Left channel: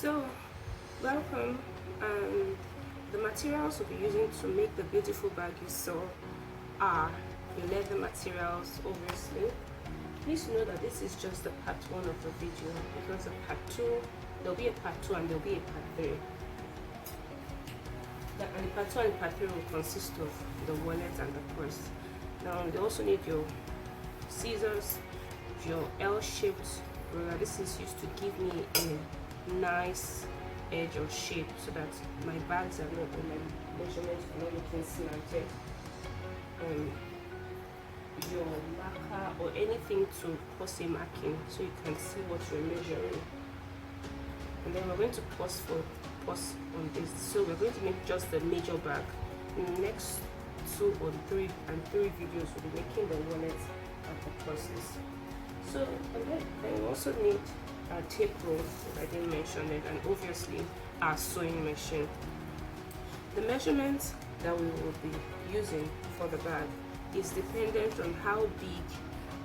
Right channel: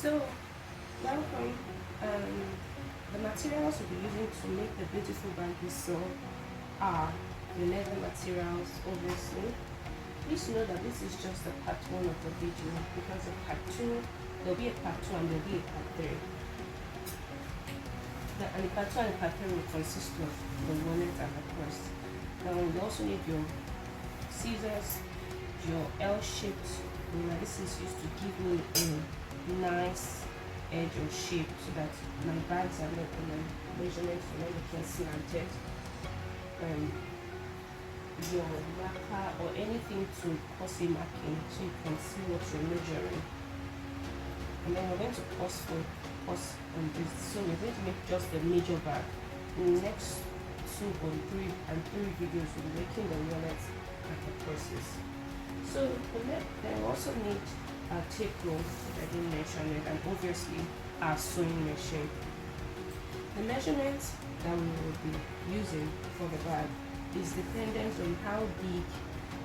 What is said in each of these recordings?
So, welcome. The materials we'll be using to make the beautiful bag you saw are the leather materials, obviously. Please know that this is just the part 1 of the video, because of part 2, there'll be a part 2 and there'll be a part 3. And the part 2 and part 3 will consist of the wallet and the purse. Now, you also need your scissors, your L-shaped ruler. This is used to give me a nice edge or shape so that my bags are not, or my measurements are not looking slanted. Your marker or anything to pause a marking so you can see what you're measuring. And then we're going to pause on this. So we're going to make just the major bag. In the next 2 or 3 videos, we'll be making the wallets and the purses. So then we also need our tape roll, if I didn't mention it, and obviously our sewing machine. The measurements that we will be using for the bag is dependent on how big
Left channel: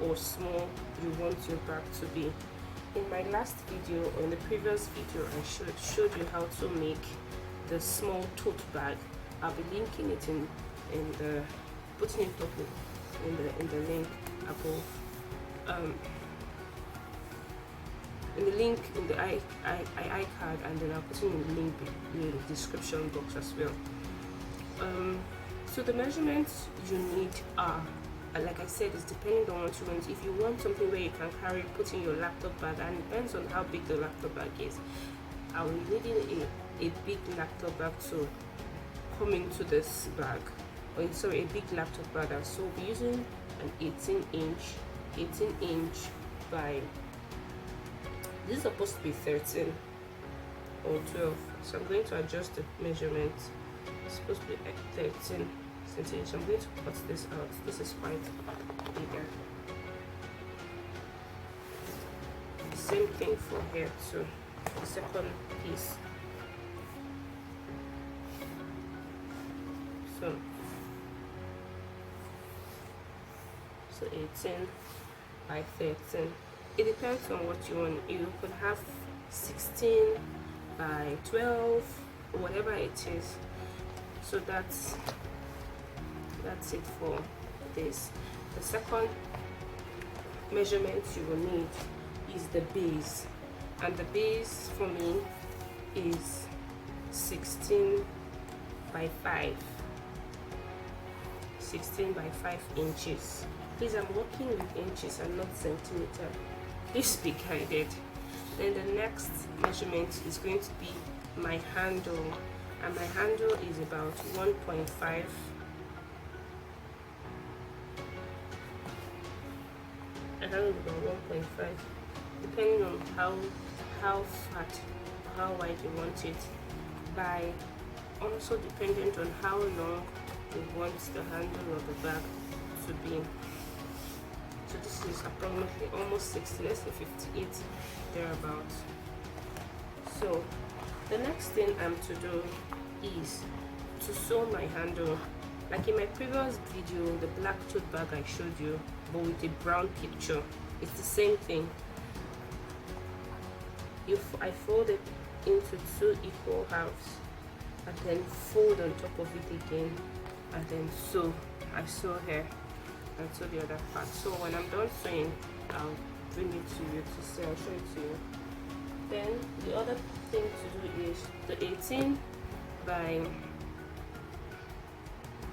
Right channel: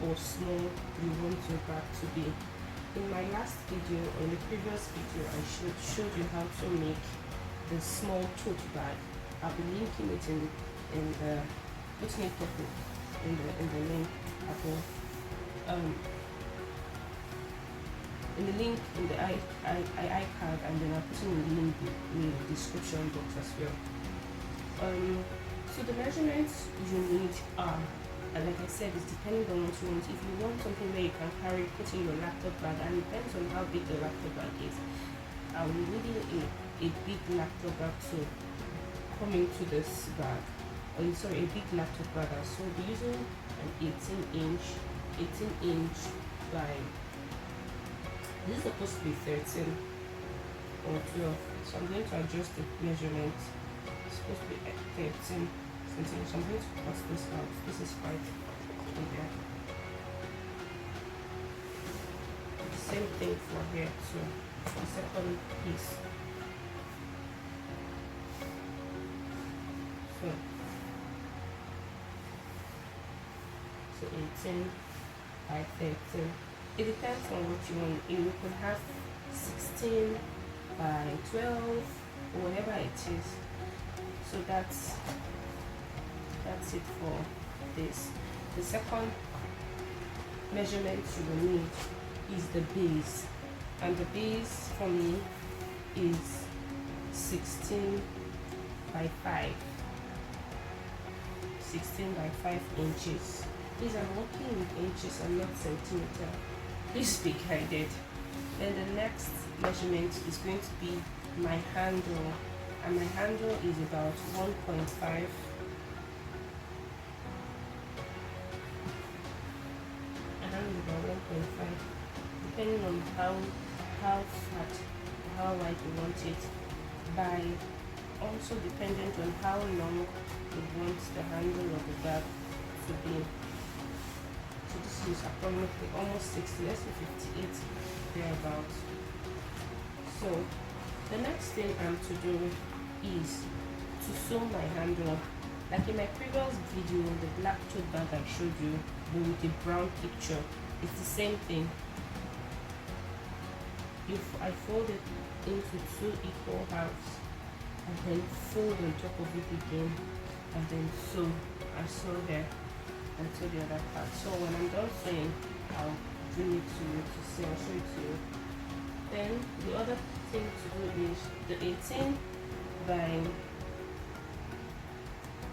or small you want your bag to be. In my last video, or the previous video, I showed you how to make the small tote bag. I'll be linking it in the putting it up in the link above. In the link in the iCard, and then I'll put in the link in the description box as well. So the measurements you need are, like I said, it's depending on what you want. If you want something where you can put in your laptop bag, and it depends on how big the laptop bag is. I will need a big laptop bag to come into this bag. A big laptop bag. So we'll be using an 18 inch by, this is supposed to be 13 or 12. So I'm going to adjust the measurement. It's supposed to be like 13 centimeters. I'm going to cut this out. This is quite bigger. The same thing for here too. The second piece. So 18 by 13. It depends on what you want. You could have 16 by 12 or whatever it is. So that's it for this. The second measurement you will need is the base, and the base for me is 16 by 5. 16 by 5 inches. Please, I'm working with inches and not centimeter. Please be guided. Then the next measurement is going to be my handle, and my handle is about 1.5. My handle is about 1.5, depending on how fat, how wide you want it, by also dependent on how long you want the handle of the bag to be. So this is approximately almost 60, let's say 58 thereabouts. So the next thing I'm to do is to sew my handle. Like in my previous video, the black tote bag I showed you, but with the brown picture, it's the same thing. I fold it into 2 equal halves, and then fold on top of it again, and then sew. I sew here and sew the other part. So when I'm done sewing, I'll bring it to you to see. I'll show it to you. Then the other thing to do is the 18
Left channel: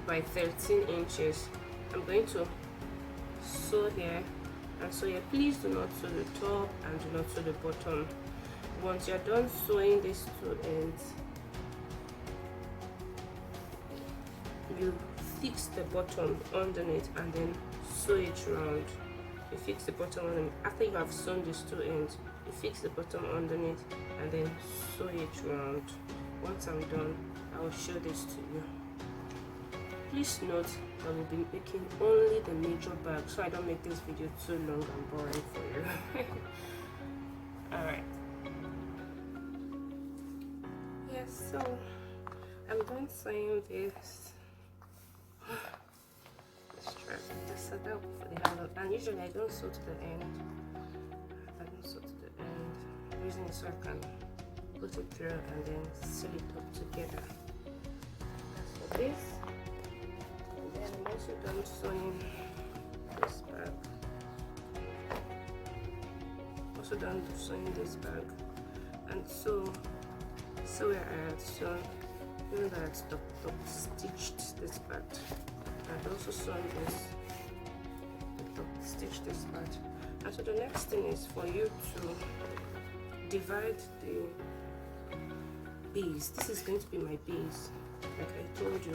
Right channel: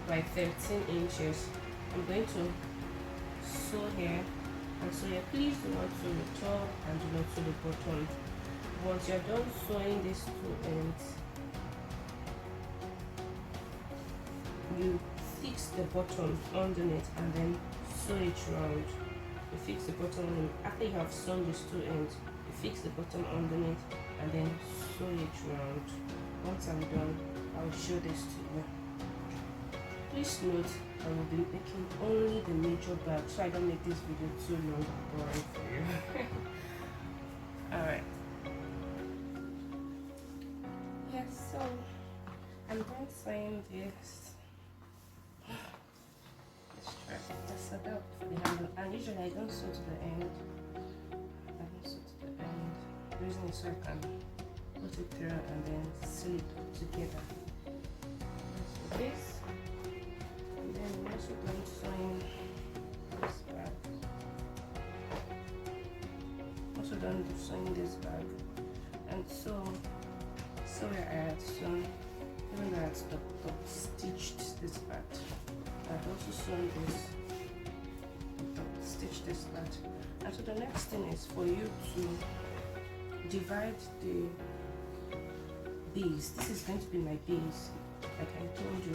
by 13 inches. I'm going to sew here and sew here. Please do not sew the top and do not sew the bottom. Once you're done sewing these 2 ends, you fix the bottom underneath and then sew it round. You fix the bottom underneath. After you have sewn these 2 ends, you fix the bottom underneath and then sew it round. Once I'm done, I will show this to you. Please note I will be making only the major bag, so I don't make this video too long and boring for you. Alright. Yes, so I'm going to sew this. Let's try to set up for the handle. And usually I don't sew to the end. I don't sew to the end. The reason is so I can put it through and then seal it up together. That's for this. And then I'm also done sewing this bag. Also done sewing this bag. And so where I had sewn, even though I had stitched this part, I had also sewn this, stitch this part. And so the next thing is for you to divide the base. This is going to be my base, like I told you,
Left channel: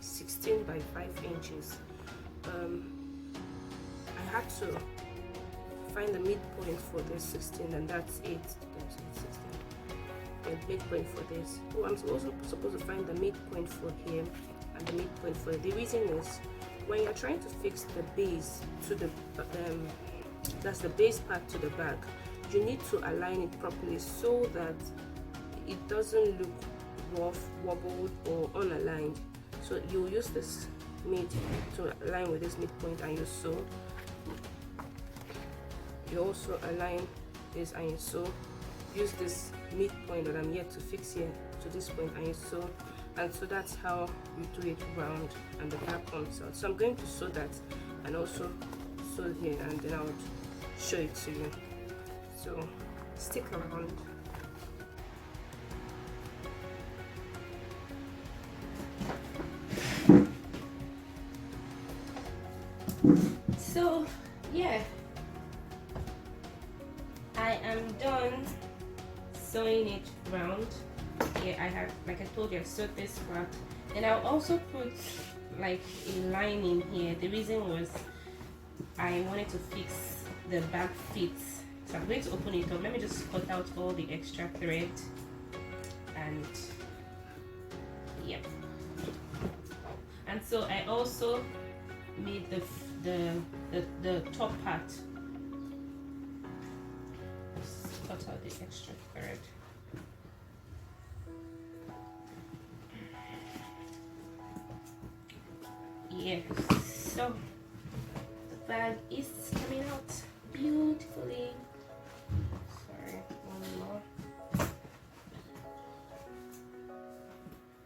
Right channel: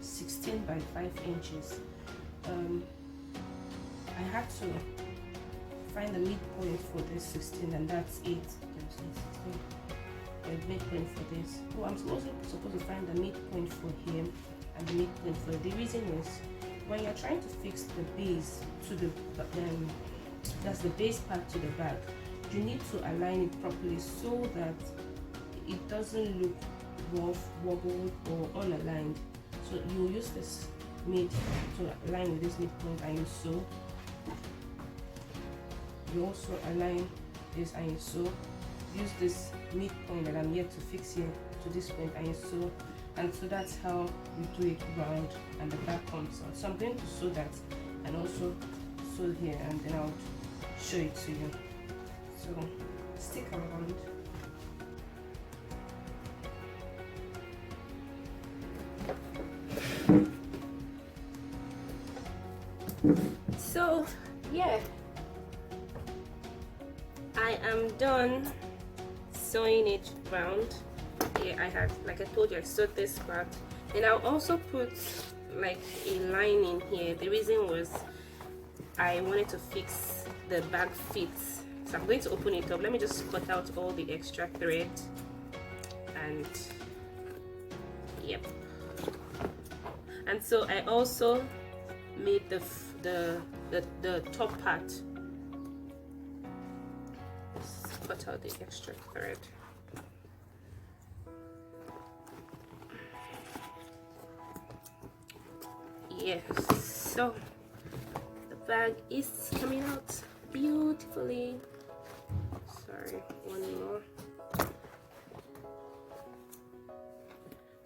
16 by 5 inches. I had to find the midpoint for this 16, and that's 8. The midpoint for this. So I'm also supposed to find the midpoint for here and the midpoint for it. The reason is when you're trying to fix the base to the that's the base part to the bag, you need to align it properly so that it doesn't look rough, wobbled, or unaligned. So you use this mid to align with this midpoint and you sew. You also align this and you sew. Use this midpoint that I'm yet to fix here to this point and you sew, and so that's how you do it round and the back comes out. So I'm going to sew that and also sew here, and then I'll show it to you. So stick around. So yeah, I am done sewing it round. Yeah, I had, like I told you, I sewed this part. Then I'll also put like a lining here. The reason was I wanted to fix the bag fits. So I'm going to open it up. Let me just cut out all the extra thread, and yep. And so I also made the top part. Let's cut out the extra thread. Yes, so the bag is coming out beautifully. Sorry, one more.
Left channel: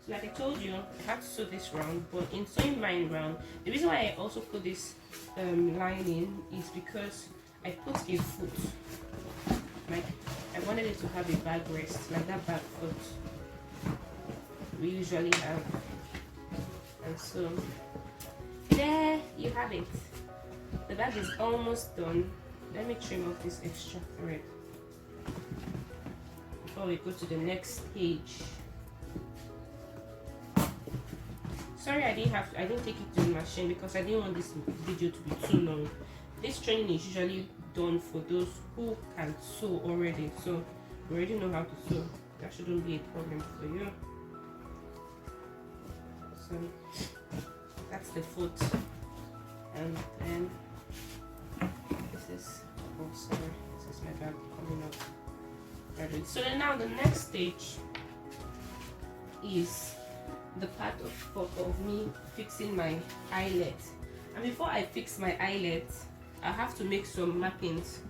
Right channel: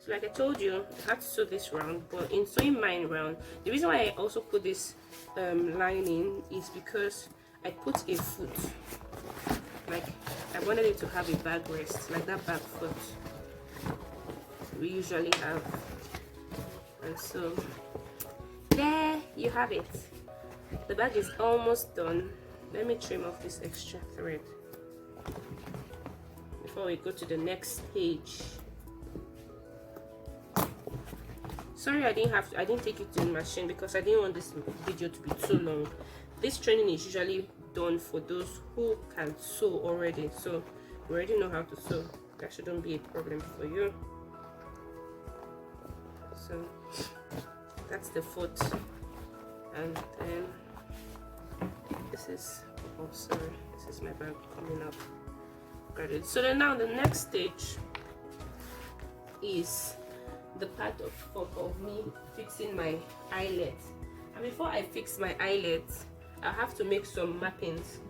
So like I told you, I had to sew this round, but in sewing mine round, the reason why I also put this lining is because I put a foot, like I wanted it to have a bag rest, like that back foot we usually have. And so there you have it. The bag is almost done. Let me trim off this extra thread before we go to the next page. Sorry, I didn't take it to the machine because I didn't want this video to be too long. This training is usually done for those who can sew already, so you already know how to sew. That shouldn't be a problem for you. So that's the foot, and then this is, oh sorry, this is my bag coming up. Got it. So then now the next stage is the part of me fixing my eyelet. And before I fix my eyelet, I have to make some markings.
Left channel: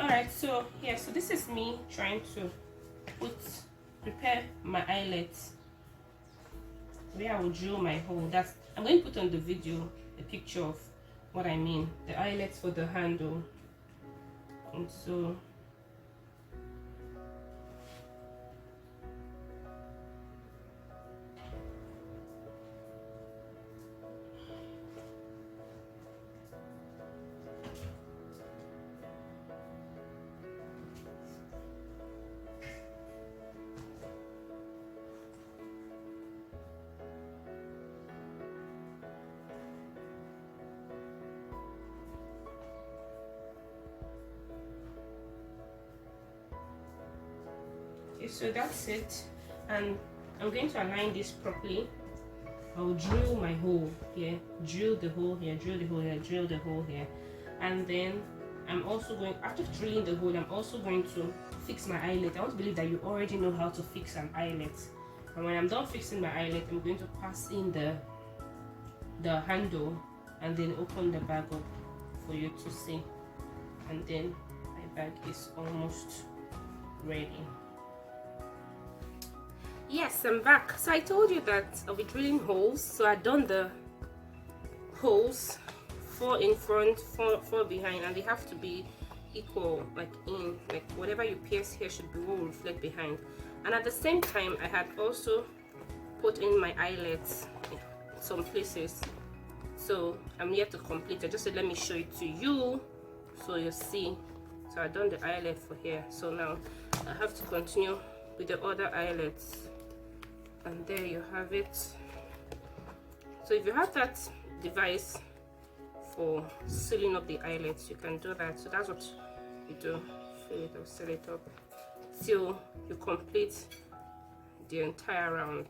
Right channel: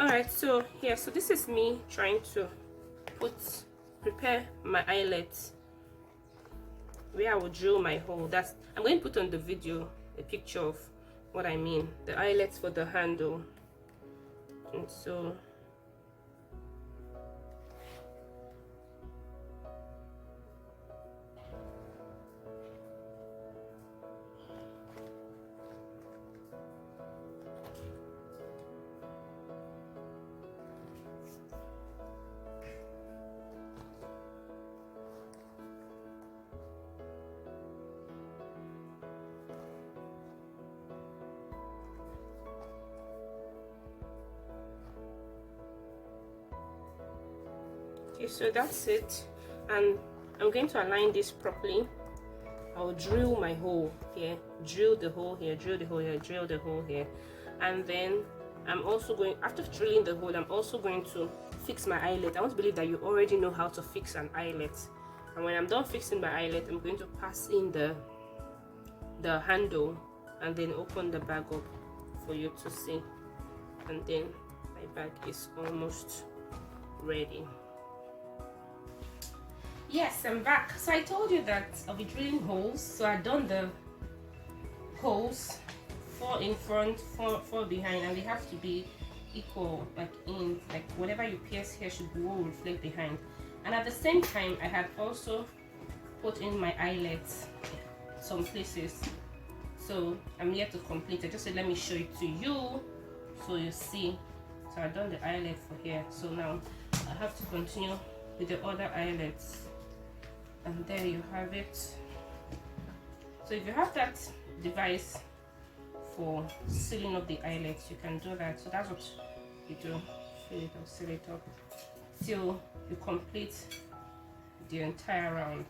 Alright, so yeah, so this is me trying to prepare my eyelets, where I will drill my hole. I'm going to put on the video a picture of what I mean, the eyelets for the handle. And so so that's it, and I'm going to align this properly. I'll drill my hole here, drill the hole here, drill the hole here, drill the hole here, and then I'm also going, after drilling the hole, I'm also going to fix my eyelet. I want to believe that you already know how to fix an eyelet. And when I'm done fixing my eyelet, I'm going to pass in the handle and then open the bag up for you to see. And then my bag is almost ready. Yes, I'm back. So I told you that I'll be drilling holes. So I've done the holes, 4 in front, 4 behind, and they have to be equal, like whatever you pierce here should be will reflect behind. And at the same time, I had also put in my eyelets some places. So I'm yet to complete. I just said let me show it to you so you see. So I've done the eyelet for here. So now I have to continue with the other eyelets. And there you have it. So if you have that device for sealing up the eyelets, you can do that. So that's what you do. Fill it up, seal it up till you complete the entire round.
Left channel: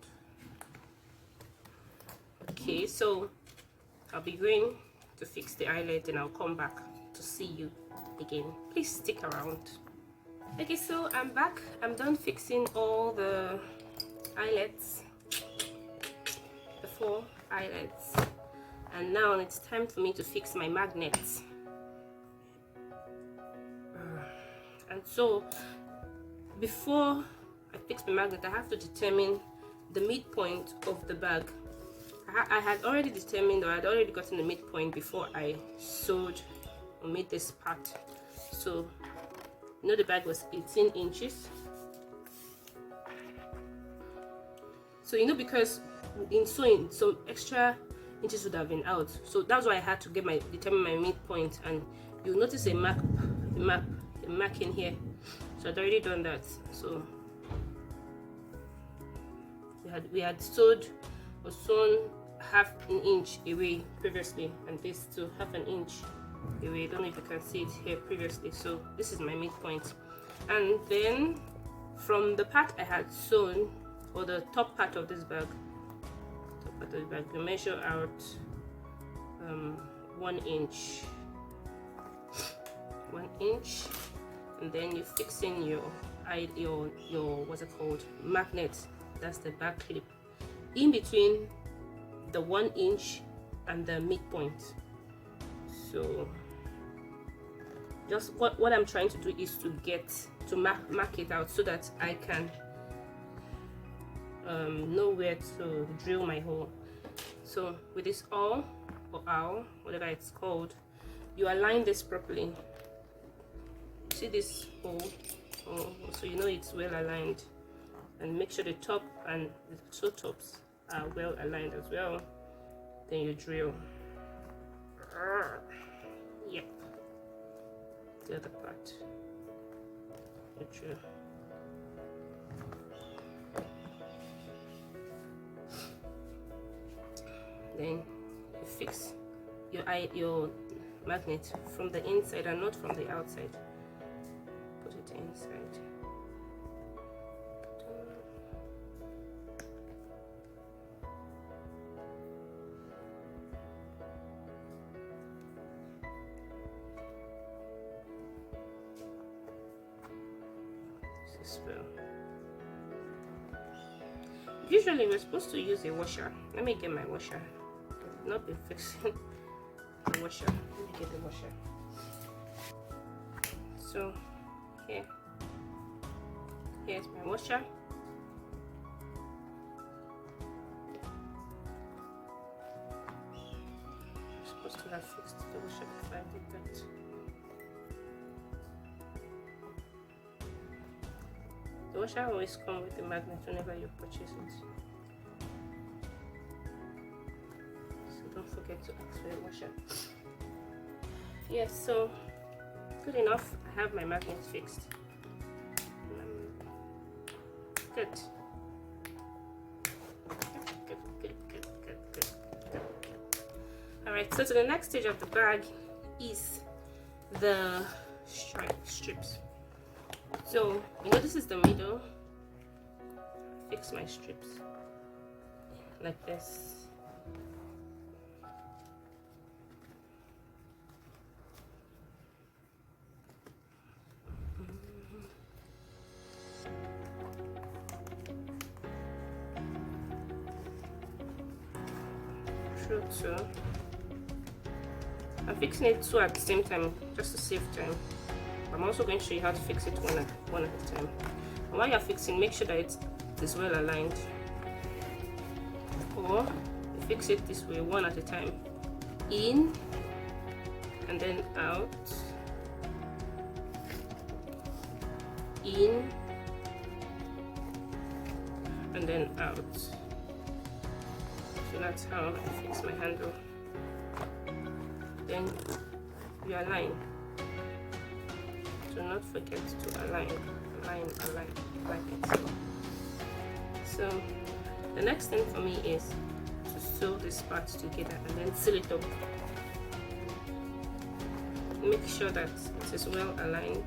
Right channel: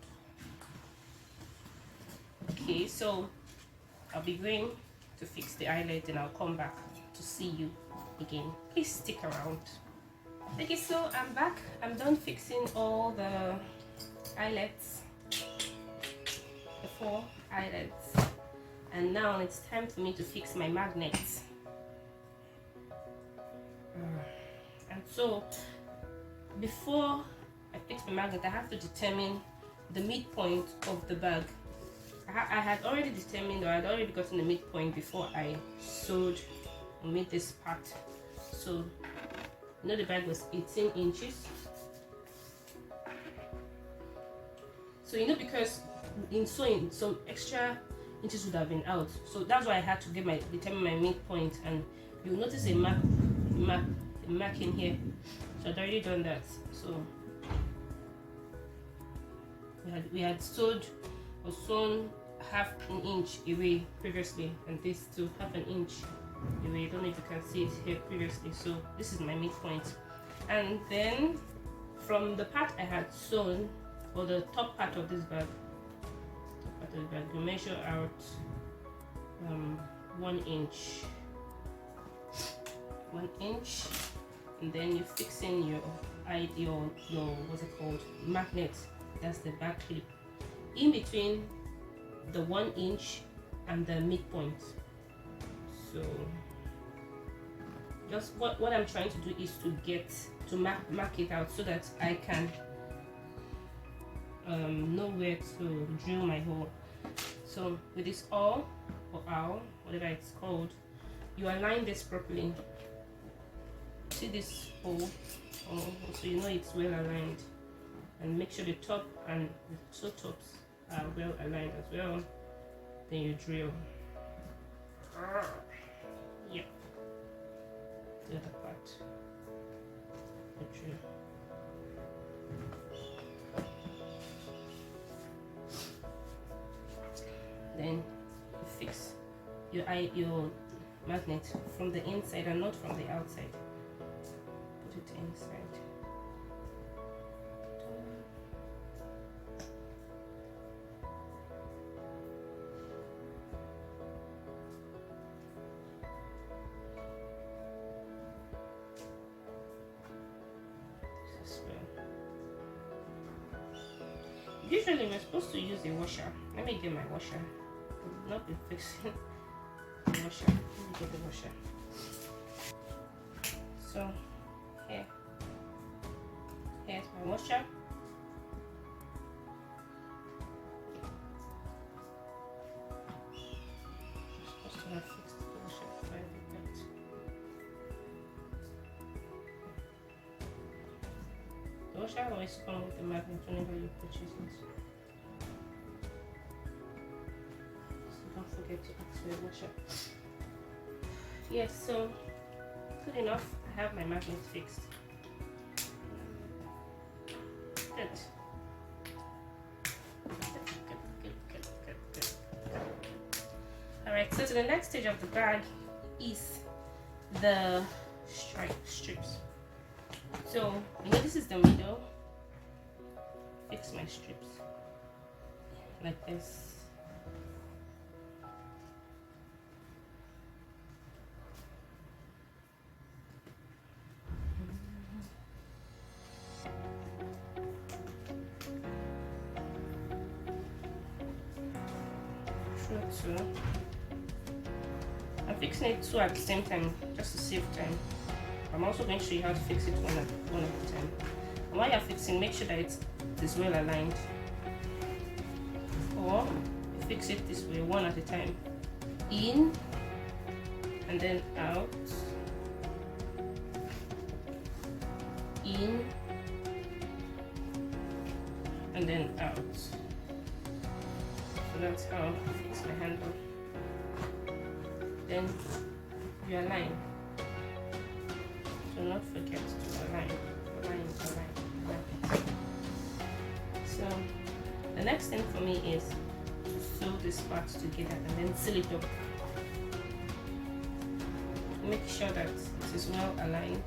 Okay, so I'll be going to fix the eyelet and I'll come back to see you again. Please stick around. Okay, so I'm back. I'm done fixing all the eyelets, the 4 eyelets, and now it's time for me to fix my magnets. And so before I fix my magnet, I have to determine the midpoint of the bag. I had already determined, or I had already gotten the midpoint before I sewed or made this part. So you know the bag was 18 inches. So you know, because in sewing some extra inches would have been out, so that's why I had to determine my midpoint. And you'll notice a mark in here. So I'd already done that. So we had sewed or sewn half an inch away previously, and this too half an inch away. I don't know if you can see it here previously. So this is my midpoint. And then from the part I had sewn, or the top part of this bag, we measure out 1 inch, and then you fix in your what's it called, magnet. That's the back clip in between the 1 inch and the midpoint. So just what I'm trying to do is to mark it out so that I can know where to drill my hole. So with this awl or owl, whatever it's called, you align this properly. See this hole, so you know it's well aligned, and make sure the top and the 2 tops are well aligned as well. Then you drill. Yep. The other part. You drill. Then you fix your magnet from the inside and not from the outside. Put it inside. This well. Usually we're supposed to use a washer. Let me get my washer. I've not been fixing the washer. Let me get the washer. So here's my washer. I'm supposed to have fixed the washer before I did that. The washer always comes with the magnet whenever you purchase it. So don't forget to ask for a washer. Yes, so good enough. I have my magnet fixed. Good. Alright, so to the next stage of the bag is the strips. So you know this is the middle. Fix my strips like this. through two. I'm fixing it two at the same time just to save time. I'm also going to show you how to fix it one at a time. And while you're fixing, make sure that it is well aligned. Or fix it this way, one at a time. In and then out. In and then out. So that's how I fix my handle. Then you align. Do not forget to align like it. So the next thing for me is to sew this part together and then seal it up. Make sure that it is well aligned.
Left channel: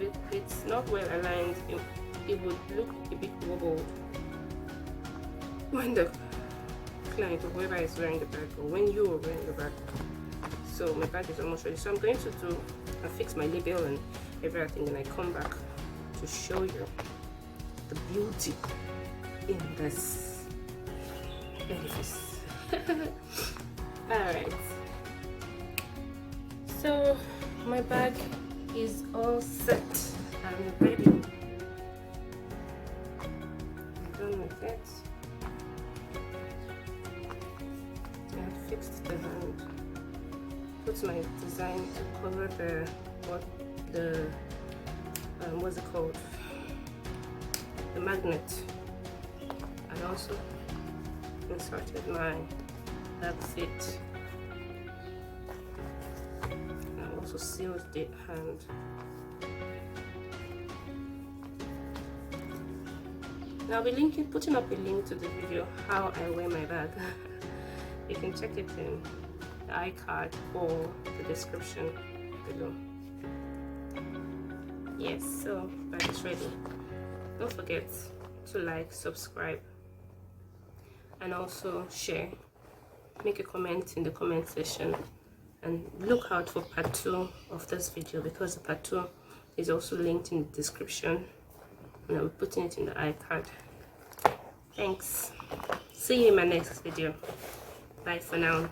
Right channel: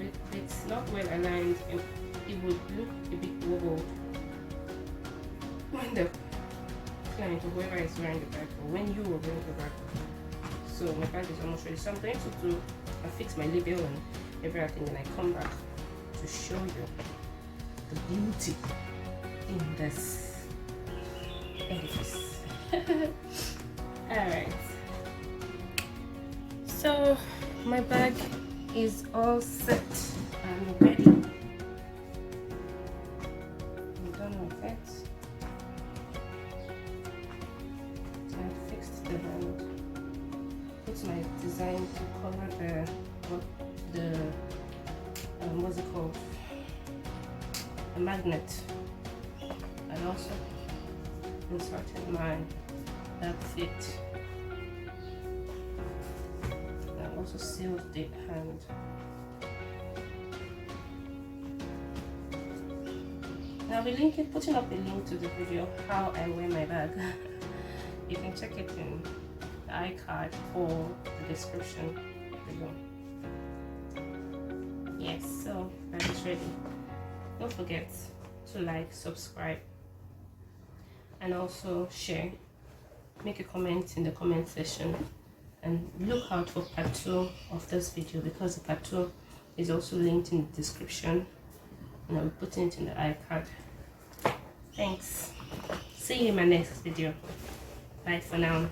If it's not well aligned, it would look a bit wobbled when the client or whoever is wearing the bag, or when you are wearing the bag. So my bag is almost ready. So I'm going to fix my label and everything, and I come back to show you the beauty in this. Alright, so my bag is all set and ready. I'm done with it. I fixed the hand, put my design to cover what's it called, the magnet. I also inserted my fit. I also sealed the hand. Now I'll be putting up a link to the video how I wear my bag. You can check it in the iCard or the description below. Yes, so bag is ready. Don't forget to like, subscribe, and also share. Make a comment in the comment section, and look out for part 2 of this video, because the part 2 is also linked in the description, and I'm putting it in the iCard. Thanks. See you in my next video. Bye for now.